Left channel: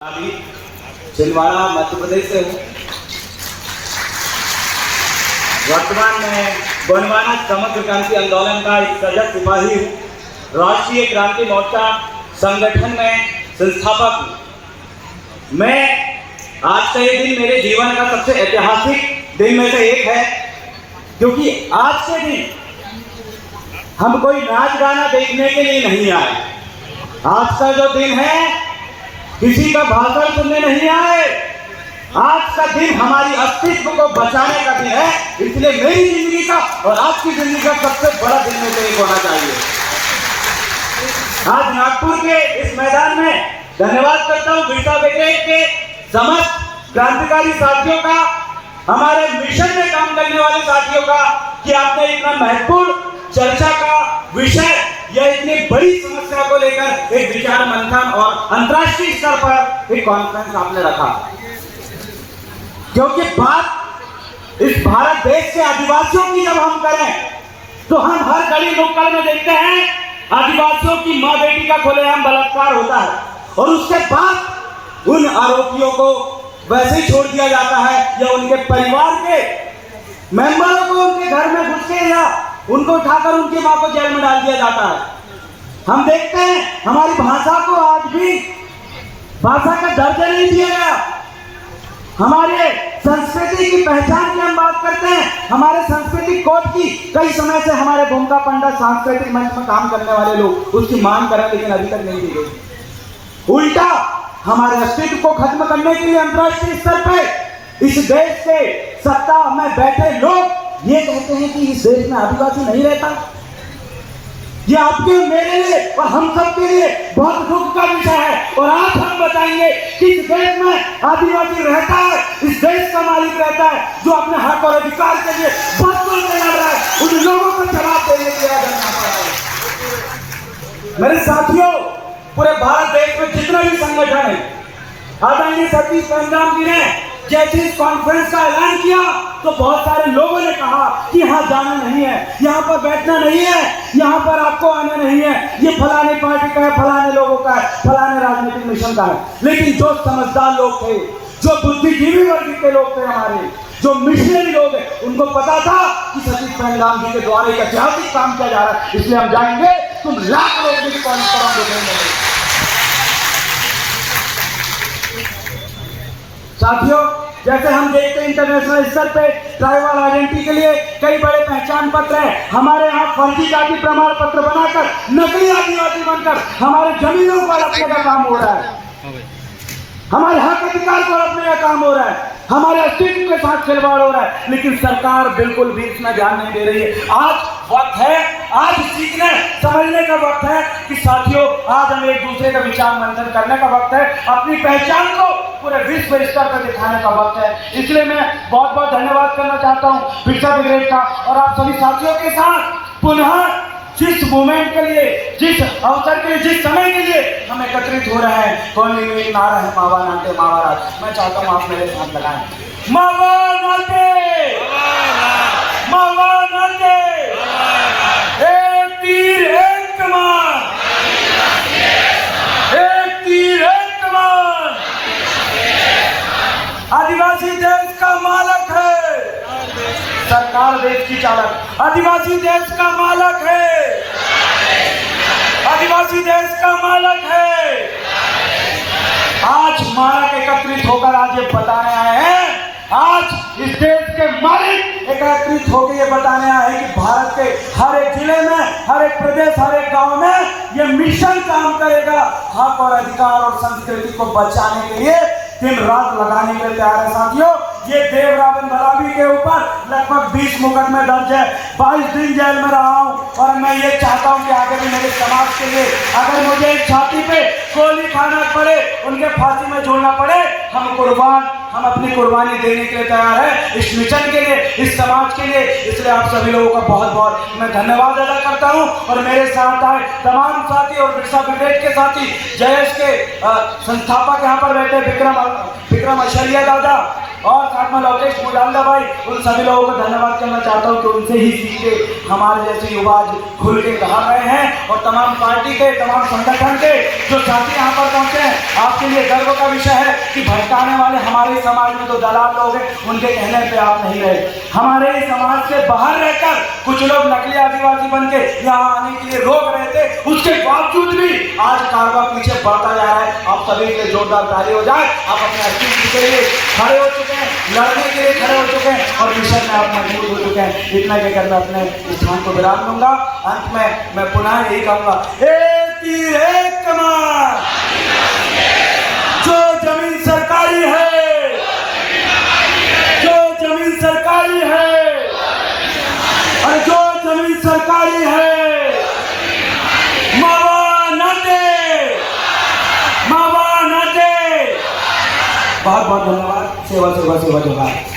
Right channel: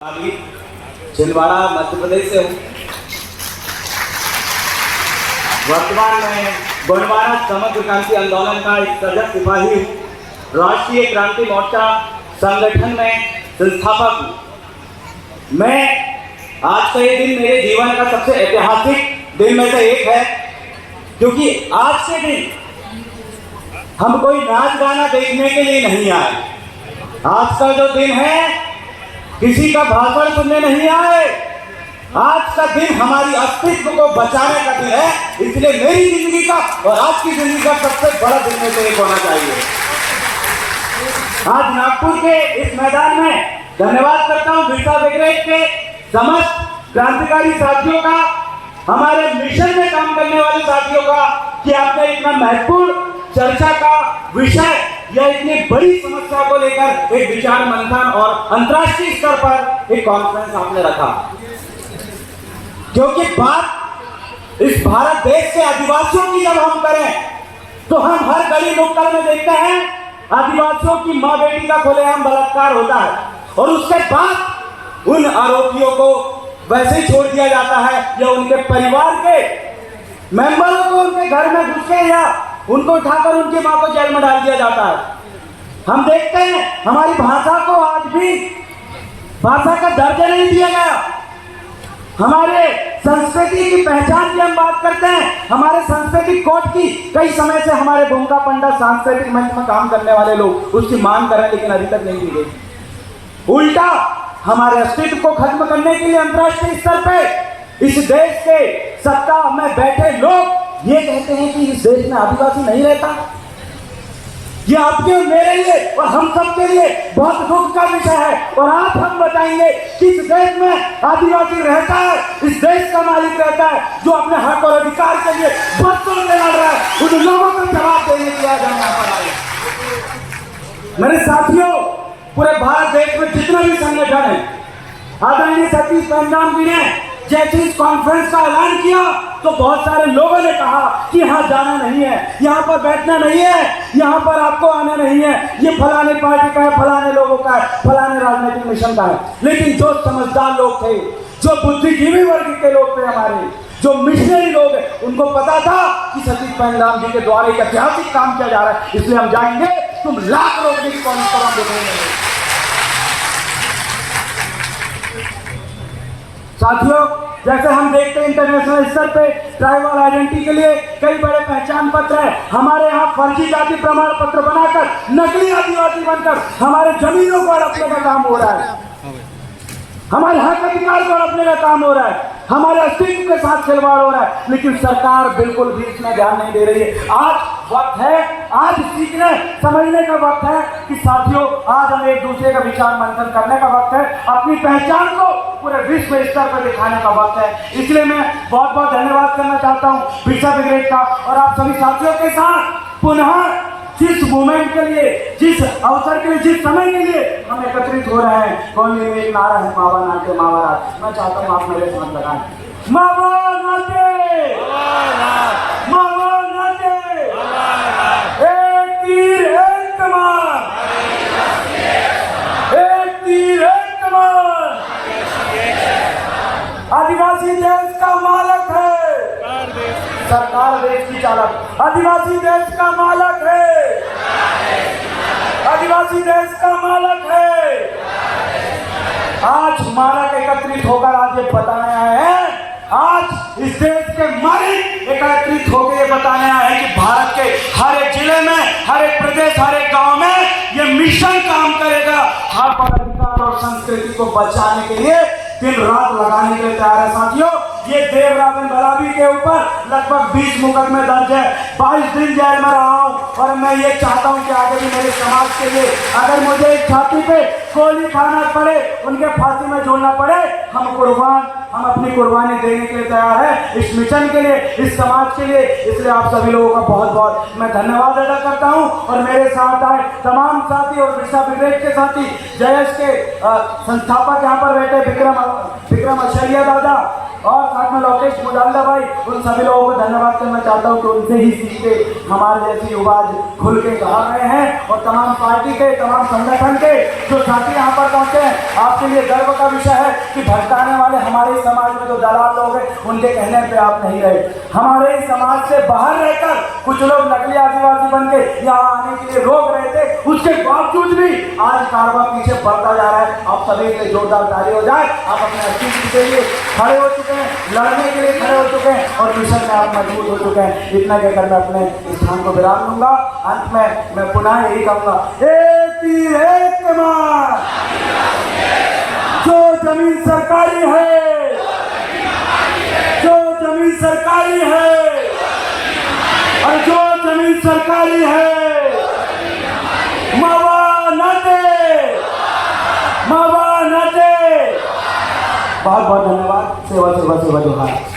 अभी छिंदवाड़ा मध्य प्रदेश से हूँ। वर्तमान में गोंडवाना समग्र क्रांति आंदोलन का एक सजग सिपाही हूँ। राष्ट्रीय क्रांति मोर्चा संगठन में संस्थापक हूँ। मैं आज का ये दिन मेरे जीवन का सबसे ऐतिहासिक दिन में से एक है, क्योंकि आज के दिन हम कोई नाच गाना देखने के लिए नहीं आए। आज का जो दिन है किसी का भाषण सुनने नहीं आए। आज का दिन हमारी अस्तित्व को बचाने का दिन है, इसलिए मेरी जिंदगी का और आपकी जिंदगी का सबसे बड़ा दिन में से एक होना चाहिए। आज नागपुर के इस मैदान में धन्यवाद करता हूं बिरसा ब्रिगेड के समस्त क्रांतिकारी साथियों का, हमारे मिशन में काम करने वाले साथियों का, कि आपने इतना महत्वपूर्ण चर्चा का विषय या इतनी बड़ी समस्या को लेकर एक विचार मंथन और अंतर्राष्ट्रीय स्तर पर एक कॉन्फ्रेंस आपने रखा। क्योंकि बात इस भारत देश के आदिवासियों की जब हम करें तो हम हर गली नुक्कड़ में देखते हैं आदिवासियों की मां बेटी का खुलेआम बलात्कार होता है, और उसके बाद उन आरोपियों को वैसे ही छोड़ दिया जाता है या उनके परिवार के मेंबरों को उनके घर में घुस के या उनको उठाकर उनकी मां को जेल में डाल दिया जाता है। हम देखते हैं हमारी भाषा को आज भी भाषा का दर्जा नहीं दिया गया। हमारे संस्कृति की पहचान की हम बात करते हैं, हमारे सांस्कृतिक कोड की कई समय से हमारे भूमिका पंडित सांस्कृतिक मंच में काम करने वाले लोग उसकी मांग कर रहे हैं, लेकिन अभी तक नहीं दी गई। उल्टा हमारे अस्तित्व को खत्म करने के लिए अंतर्राष्ट्रीय स्तर पे इस देश के सत्ता में बैठे लोग ये कहते हैं कि इस देश में आदिवासी नहीं रहता। ये आपके मेरे लिए और हम सब के लिए बहुत दुख का विषय है, और आज हम बताएंगे कि इस देश में आदिवासी रहता है, इस देश का मालिक रहता है, जो अपने हक और अधिकार के लिए बरसों से लड़ रहा है। उन लोगों को जवाब देने के लिए जाना पड़ा है। मेरे साथियों, पूरे भारत देश में जितने भी संगठन है, आदरणीय सतीश पंजाब जी ने जैसे इस कॉन्फ्रेंस का ऐलान किया तो बहुत सारे लोगों ने कहा कि यहाँ जाना नहीं है, यहाँ पर बैठना नहीं है, यहाँ पर आपको आना नहीं है, ये फलाने पार्टी का है, फलाने लोगों का है, फलाने राजनीतिक मिशन का है। लेकिन जो समझदार लोग थे, जो बुद्धिजीवी वर्ग के लोग थे, हमारे जो मिशनरी लोग हैं, उनको पता था कि सतीश पंजाब जी के द्वारा एक ऐतिहासिक काम किया जा रहा है, इसलिए हम जाएंगे। तुम लाख लोग भी कॉन्फ्रेंस देखेंगे। साथियों, जैसे हम देखते हैं इंटरनेशनल स्तर पे ट्राइबल आइडेंटिटी के लिए कई बड़े पहचान पत्र हैं। हमारे यहाँ फर्जी जाति प्रमाण पत्र बनाकर नकली आदिवासी बनकर हमारे जमीनों को हड़पने का काम हो रहा है, हमारे हक अधिकार को हड़पने का काम हो रहा है, हमारे अस्तित्व के साथ खिलवाड़ हो रहा है, लेकिन सरकार बिल्कुल भी इसमें ध्यान नहीं दे रही है। आज वक्त है, आज सीखने समझने का वक्त है कि साथियों, आज हमें एक दूसरे का विचार मंथन करने का वक्त है, अपनी पहचान को पूरे विश्व स्तर पर दिखाने का वक्त है। इसलिए मैं बहुत बहुत धन्यवाद करना चाहता हूँ बिरसा ब्रिगेड का और आप सभी साथियों के साथ पुनः जिस मूवमेंट के लिए, जिस अवसर के लिए, जिस समय के लिए हम एकत्रित हो रहे हैं। कौन निर्मित नारा है मावा नाते मावा, मैं चाहता हूँ आप मेरे साथ लगाएं। मावा नाते मावा नाते, एक तीर एक कमान, एक तीर एक कमान। आदिवासी देश का मालिक है, सरकार देश की चालक। आदिवासी देश का मालिक है, आदिवासी देश का मालिक है। आज मालिक एकत्रित होकर आज ये बताने आए हैं, आज इस देश के मालिक एकत्रित होकर ये बताने आए हैं कि भारत के हर एक जिले में, हर एक प्रदेश, हर एक गांव में ये मिशन काम करेगा। हक और अधिकार और संस्कृति को बचाने के लिए दिन रात लगाने के लिए तैयार है। साथियों, ये देवराबेन बलाबी के ऊपर लगभग 20 मुकदमे दर्ज है, 22 दिन जेल में रहा हूँ, और मैं ये चाहता हूँ कि आगे भी मेरे समाज के लिए अगर मुझे एक छाती पे गोली खाना पड़े, उनके फांसी में झूलना पड़े, हम अपनी कुर्बानी देने के लिए तैयार है, इस मिशन के लिए, इस समाज के लिए। इसलिए आप सभी लोगों का बहुत बहुत मैं धन्यवाद अदा करता हूँ। और मेरे साथ आए तमाम साथी और बिरसा ब्रिगेड के साथी, जयस के संस्थापक यहाँ पर बैठे विक्रम अशरिया दादा, और साथ में लोकेश मुजालदा भाई, उन सभी लोगों को धन्यवाद करना चाहता हूँ कि उनसे ही सीख के हमारे जैसे युवा आज खुल के कहा गए हैं। और तमाम पार्टी के, तमाम संगठन के जो साथी यहाँ पर पहुँचे हैं, आपके लिए गर्व का विषय है कि भटकाने वाले हमारे समाज में जो दलाल लोग हैं, उनके कहने पे आप नहीं रहे। हमारे समाज से बाहर रहकर कुछ लोग नकली आदिवासी बन के यहाँ आने के लिए रोक रहे थे, उसके बावजूद भी आज कारवा पीछे बढ़ता जा रहा है। आप सभी से जोरदार ताली हो जाए। आप अपने अस्तित्व के लिए खड़े हो चुके हैं, लड़ने के लिए खड़े हो चुके हैं और मिशन में आप मजबूत हो चुके हैं। इतना कहकर मैं अपने स्थान को विराम लूंगा। अंत में मैं पुनः यही कहूंगा, एक तीर एक कमान, जो जमीन सरकारी है, जो जमीन सरकारी है, और जो जमीन सरकारी है, मावा न दे, मावा न दे। बहुत बहुत धन्यवाद। सेवा सेवा सेवा जोहार।